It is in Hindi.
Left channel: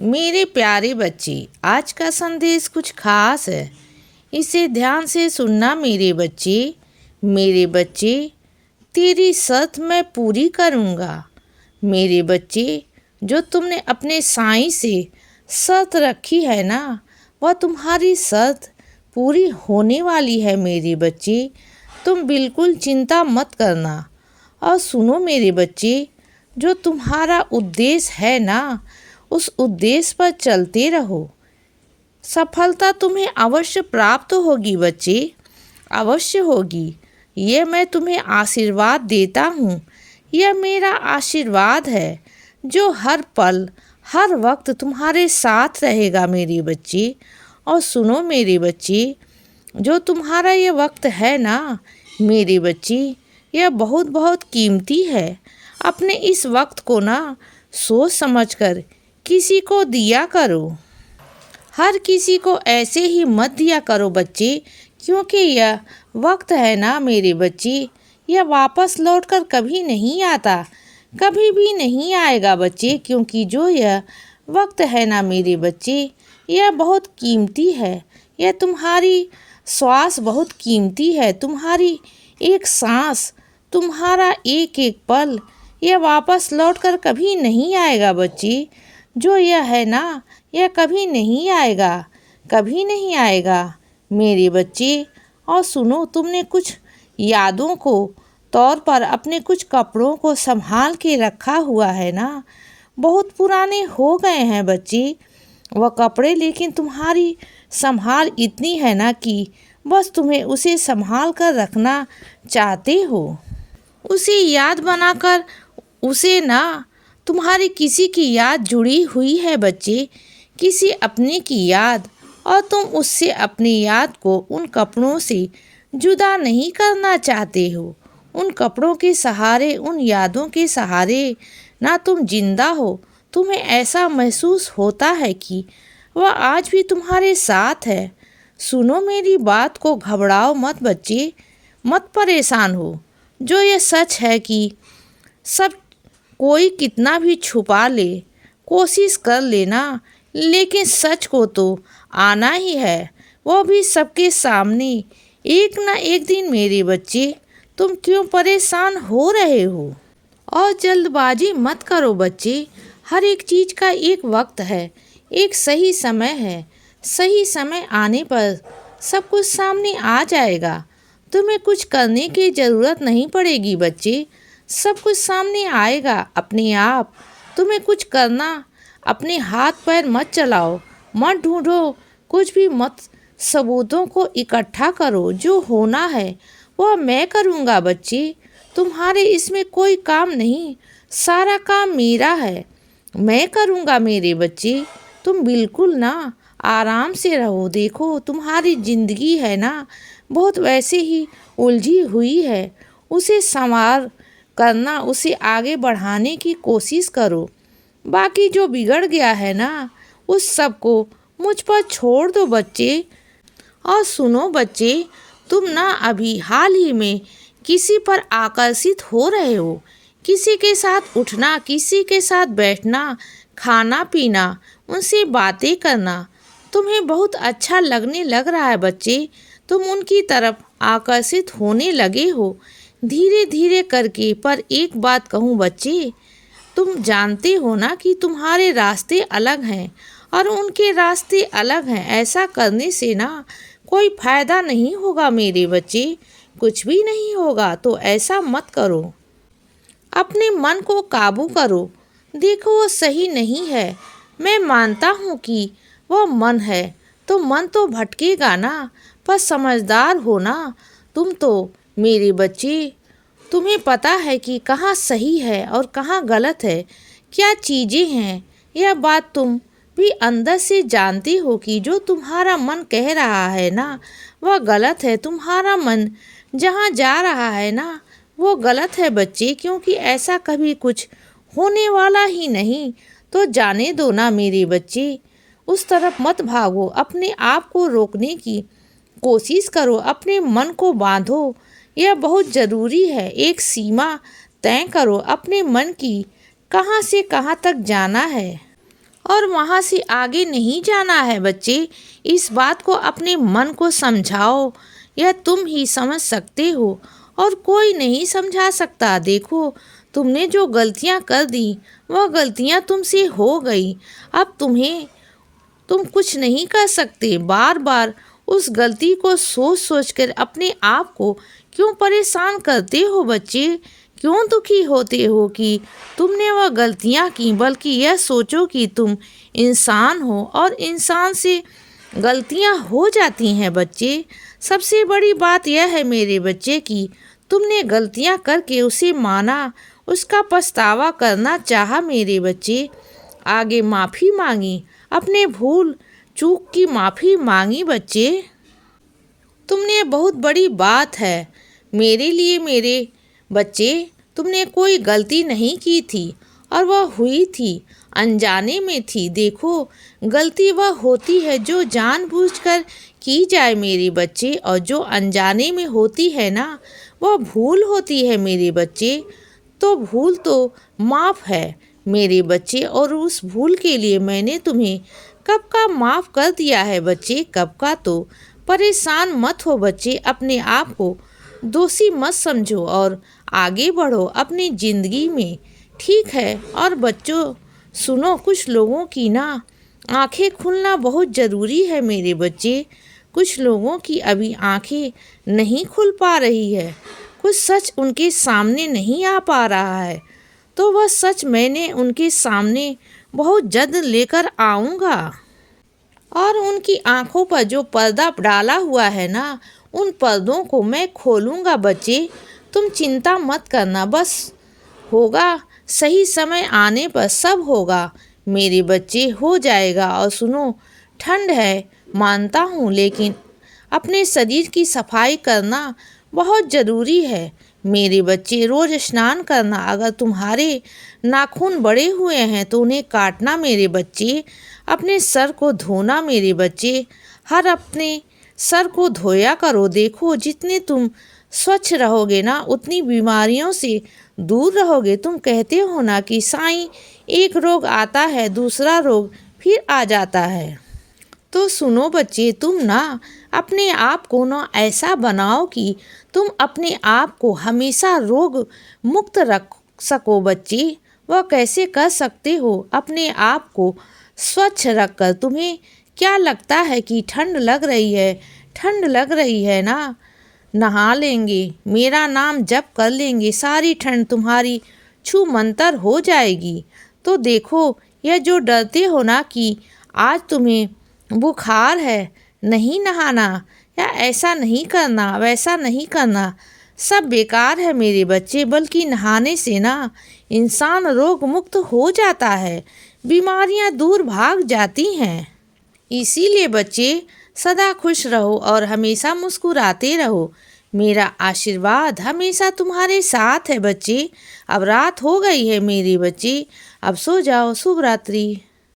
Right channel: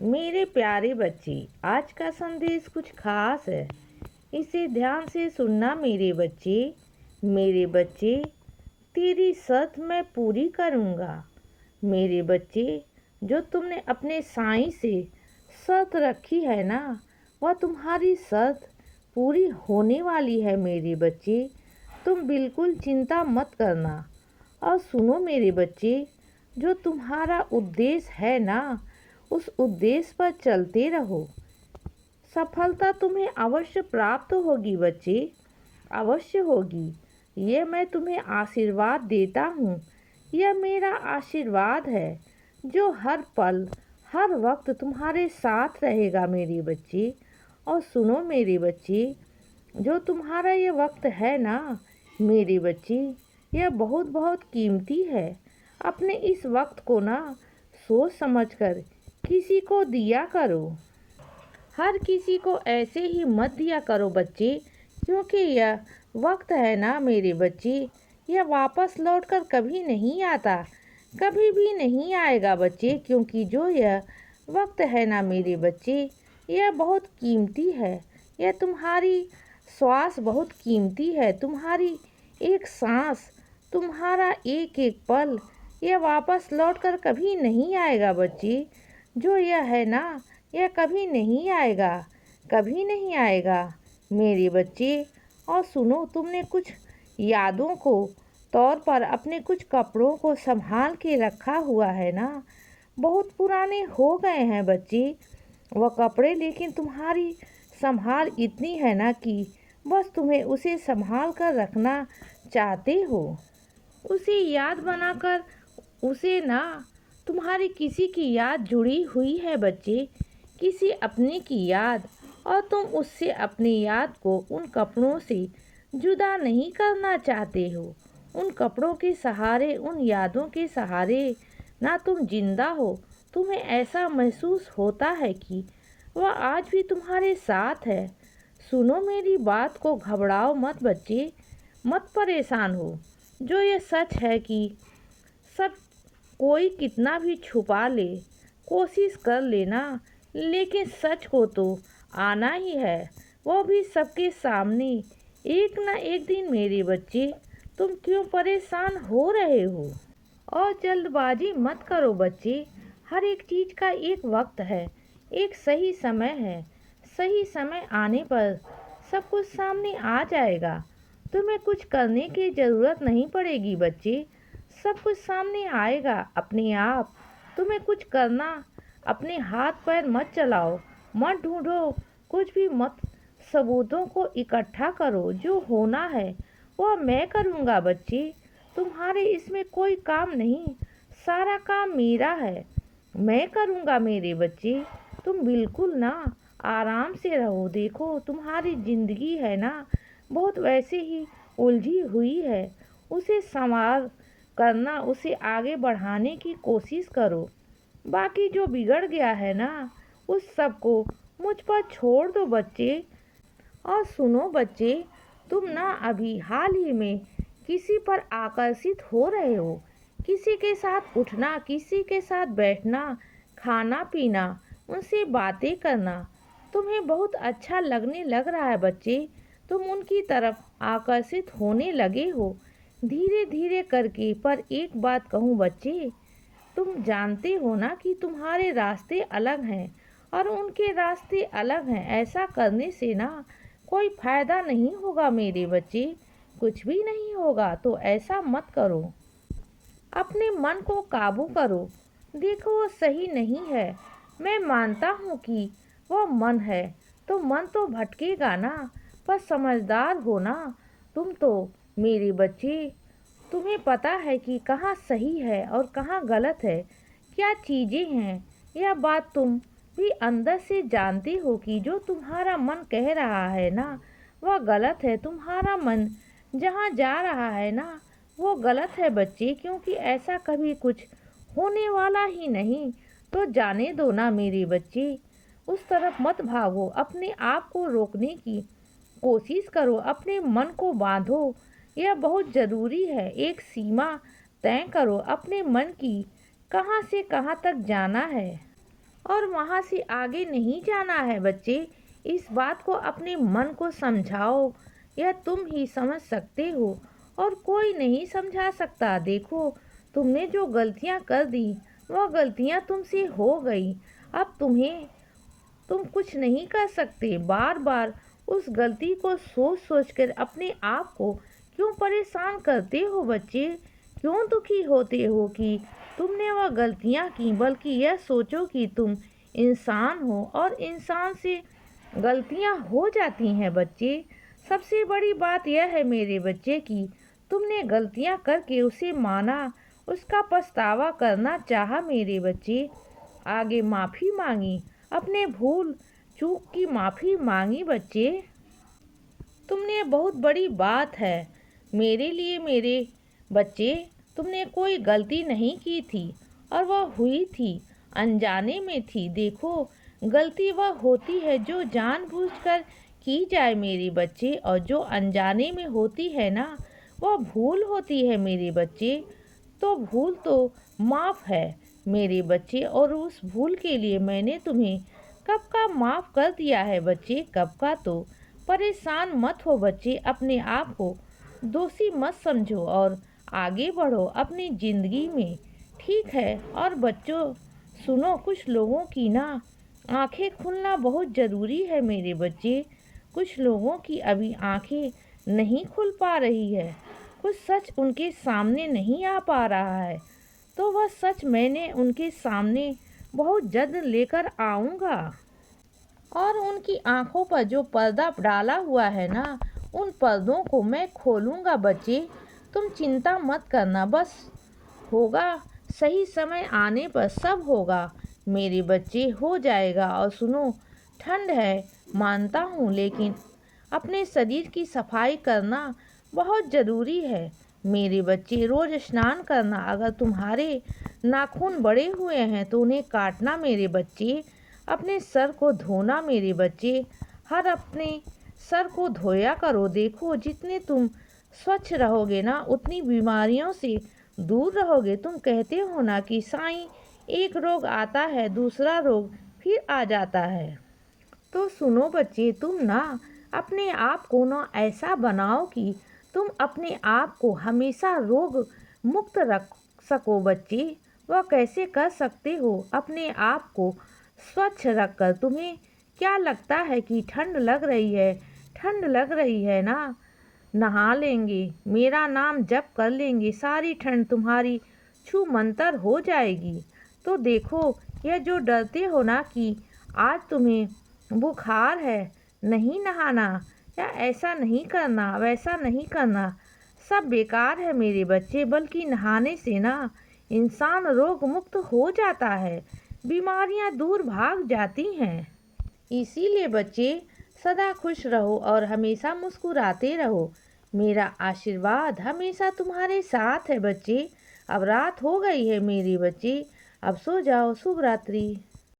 मेरे प्यारे बच्चे, आज का संदेश कुछ खास है। इसे ध्यान से सुनना मेरे बच्चे। मेरे बच्चे, तेरी शर्त मैं पूरी करूँगा। मेरे बच्चे, जो तुमने अपने साईं से शर्त रखी है ना, वह तुम्हारी शर्त पूरी होने वाली है मेरे बच्चे। तुम बिल्कुल चिंता मत करना। और सुनो मेरे बच्चे, जो तुम्हारा उद्देश्य है ना, उस उद्देश्य पर चलते रहो। सफलता तुम्हें अवश्य प्राप्त होगी बच्चे, अवश्य होगी। ये मैं तुम्हें आशीर्वाद देता हूँ। यह मेरा आशीर्वाद है जो हर पल हर वक्त तुम्हारे साथ रहेगा मेरे बच्चे। और सुनो मेरे बच्चे, जो तुम्हारा ये वक्त है ना मेरे बच्चे, यह बहुत बहुत कीमती है। अपने इस वक्त को ना सोच समझकर किसी को दिया करो। हर किसी को ऐसे ही मत दिया करो बच्चे, क्योंकि यह वक्त है ना मेरे बच्चे, यह वापस लौटकर कभी नहीं आता, कभी भी नहीं आएगा बच्चे। क्योंकि जो यह वक्त है ना मेरे बच्चे, यह बहुत कीमती है। यह तुम्हारी श्वास बहुत कीमती है, तुम्हारी एक सांस, तुम्हारा एक एक पल, यह वापस लौटकर कभी नहीं आएगा बच्चे। जो यह है ना, यह कभी नहीं आएगा, कभी नहीं आएगा मेरे बच्चे। और सुनो, तुमने कुछ यादों को तौर पर अपने कुछ कपड़ों को संभाल के रखा हुआ है ना, बहुत पुराने हो गए हैं बच्चे वह कपड़े, लेकिन तुम्हारी संभाल इतनी है ना कि बस तुम्हें उसे संभाल कर रखना चाहते हो। उसे याद बनाकर उसे ना, तुम्हारी किसी की याद जुड़ी हुई है बच्चे, किसी अपने की याद, और तुम उससे अपनी याद को उन कपड़ों से जुदा नहीं करना चाहते हो। उन कपड़ों के सहारे, उन यादों के सहारे ना तुम जिंदा हो। तुम्हें ऐसा महसूस होता है कि वह आज भी तुम्हारे साथ है। सुनो मेरी बात को, घबराओ मत बच्चे, मत परेशान हो। जो ये सच है कि सब कोई कितना भी छुपा ले, कोशिश कर लेना, लेकिन सच को तो आना ही है, वो भी सबके सामने एक ना एक दिन मेरे बच्चे। तुम क्यों परेशान हो रहे हो? और जल्दबाजी मत करो बच्चे। हर एक चीज़ का एक वक्त है, एक सही समय है। सही समय आने पर सब कुछ सामने आ जाएगा। तुम्हें कुछ करने की ज़रूरत नहीं पड़ेगी बच्चे, सब कुछ सामने आएगा अपने आप। तुम्हें कुछ करना, अपने हाथ पैर मत चलाओ, मत ढूंढो कुछ भी मत, सबूतों को इकट्ठा करो। जो होना है वह मैं करूँगा बच्चे, तुम्हारे इसमें कोई काम नहीं, सारा काम मेरा है, मैं करूँगा मेरे बच्चे। तुम बिल्कुल ना आराम से रहो। देखो, तुम्हारी ज़िंदगी है ना, बहुत वैसे ही उलझी हुई है। उसे संवार करना, उसे आगे बढ़ाने की कोशिश करो। बाकी जो बिगड़ गया है ना, उस सब को मुझ पर छोड़ दो बच्चे। और सुनो बच्चे, तुम ना अभी हाल ही में किसी पर आकर्षित हो रहे हो। किसी के साथ उठना, किसी के साथ बैठना, खाना पीना, उनसे बातें करना तुम्हें बहुत अच्छा लगने लग रहा है बच्चे। तुम उनकी तरफ आकर्षित होने लगे हो धीरे धीरे करके। पर एक बात कहूँ बच्चे, तुम जानते हो ना कि तुम्हारे रास्ते अलग हैं और उनके रास्ते अलग हैं। ऐसा करने से ना कोई फायदा नहीं होगा मेरे बच्चे, कुछ भी नहीं होगा। तो ऐसा मत करो, अपने मन को काबू करो। देखो, वो सही नहीं है, मैं मानता हूँ कि वो मन है, तो मन तो भटकेगा ना, पर समझदार हो ना तुम तो मेरे बच्चे। तुम्हें पता है कि कहाँ सही है और कहाँ गलत है, क्या चीज़ें हैं। यह बात तुम भी अंदर से जानते हो कि जो तुम्हारा मन कह रहा है ना, वह गलत है। तुम्हारा मन जहाँ जा रहा है ना, वो गलत है बच्चे, क्योंकि ऐसा कभी कुछ होने वाला ही नहीं। तो जाने दो ना मेरे बच्चे, उस तरफ मत भागो। अपने आप को रोकने की कोशिश करो, अपने मन को बांधो। यह बहुत ज़रूरी है। एक सीमा तय करो अपने मन की, कहाँ से कहाँ तक जाना है। और वहाँ से आगे नहीं जाना है बच्चे। इस बात को अपने मन को समझाओ, यह तुम ही समझ सकते हो और कोई नहीं समझा सकता। देखो, तुमने जो गलतियाँ कर दी वह गलतियाँ तुमसे हो गई। अब तुम कुछ नहीं कर सकते। बार बार उस गलती को सोच सोच कर अपने आप को क्यों परेशान करते हो बच्चे? क्यों दुखी होते हो कि तुमने वह गलतियाँ की? बल्कि यह सोचो कि तुम इंसान हो और इंसान से गलतियाँ हो जाती हैं बच्चे। सबसे बड़ी बात यह है मेरे बच्चे कि तुमने गलतियाँ करके उसे माना, उसका पछतावा करना चाहा मेरे बच्चे। आगे माफ़ी मांगी, अपने भूल चूक की माफ़ी मांगी बच्चे। तुमने बहुत बड़ी बात है मेरे लिए मेरे बच्चे। तुमने कोई गलती नहीं की थी और वह हुई थी, अनजाने में थी। देखो, गलती वह होती है जो जानबूझकर की जाए मेरे बच्चे, और जो अनजाने में होती है ना, वह भूल होती है मेरे बच्चे। तो भूल तो माफ़ है मेरे बच्चे, और उस भूल के लिए मैंने तुम्हें कब का माफ़ कर दिया है बच्चे, कब का। तो परेशान मत हो बच्चे, अपने आप को दोषी मत समझो और आगे बढ़ो अपनी ज़िंदगी में, ठीक है। और बच्चों सुनो, कुछ लोगों की ना आंखें खुलना बहुत ज़रूरी है मेरे बच्चे। कुछ लोगों की अभी आंखें नहीं खुल पा रही है, कुछ सच उनके सामने नहीं आ पा रहा है, तो वह सच मैंने उनके सामने बहुत जल्द लेकर आऊँगा। और उनकी आंखों पर जो पर्दा डाला हुआ है ना, उन पर्दों को मैं खोलूँगा बच्चे। तुम चिंता मत करना, बस होगा, सही समय आने पर सब होगा मेरे बच्चे, हो जाएगा। और सुनो, ठंड है मानता हूँ, लेकिन अपने शरीर की सफाई करना बहुत ज़रूरी है मेरे बच्चे। रोज़ स्नान करना, अगर तुम्हारे नाखून बड़े हुए हैं तो उन्हें काटना मेरे बच्चे। अपने सर को धोना मेरे बच्चे, हर अपने सर को धोया करो। देखो, जितने तुम स्वच्छ रहोगे ना, उतनी बीमारियों से दूर रहोगे। तुम कहते हो ना कि साईं, एक रोग आता है दूसरा रोग फिर आ जाता है। तो सुनो बच्चे, तुम ना अपने आप को ना ऐसा बनाओ कि तुम अपने आप को हमेशा रोग मुक्त रख सको बच्चे। वह कैसे कर सकते हो? अपने आप को स्वच्छ रखकर। तुम्हें क्या लगता है कि ठंड लग रही है? ठंड लग रही है ना, नहा लेंगे, मेरा नाम जप कर लेंगे, सारी ठंड तुम्हारी छू मंतर हो जाएगी। तो देखो, यह जो डरते हो ना कि आज तुम्हें बुखार है, नहीं नहाना या ऐसा नहीं करना वैसा नहीं करना, सब बेकार है मेरे बच्चे। बल्कि नहाने से ना इंसान रोग मुक्त हो जाता है, बीमारियां दूर भाग जाती हैं। इसीलिए बच्चे, सदा खुश रहो और हमेशा मुस्कुराते रहो। मेरा आशीर्वाद हमेशा तुम्हारे साथ है बच्चे। अब रात हो गई है मेरे बच्चे, अब सो जाओ। शुभ रात्रि।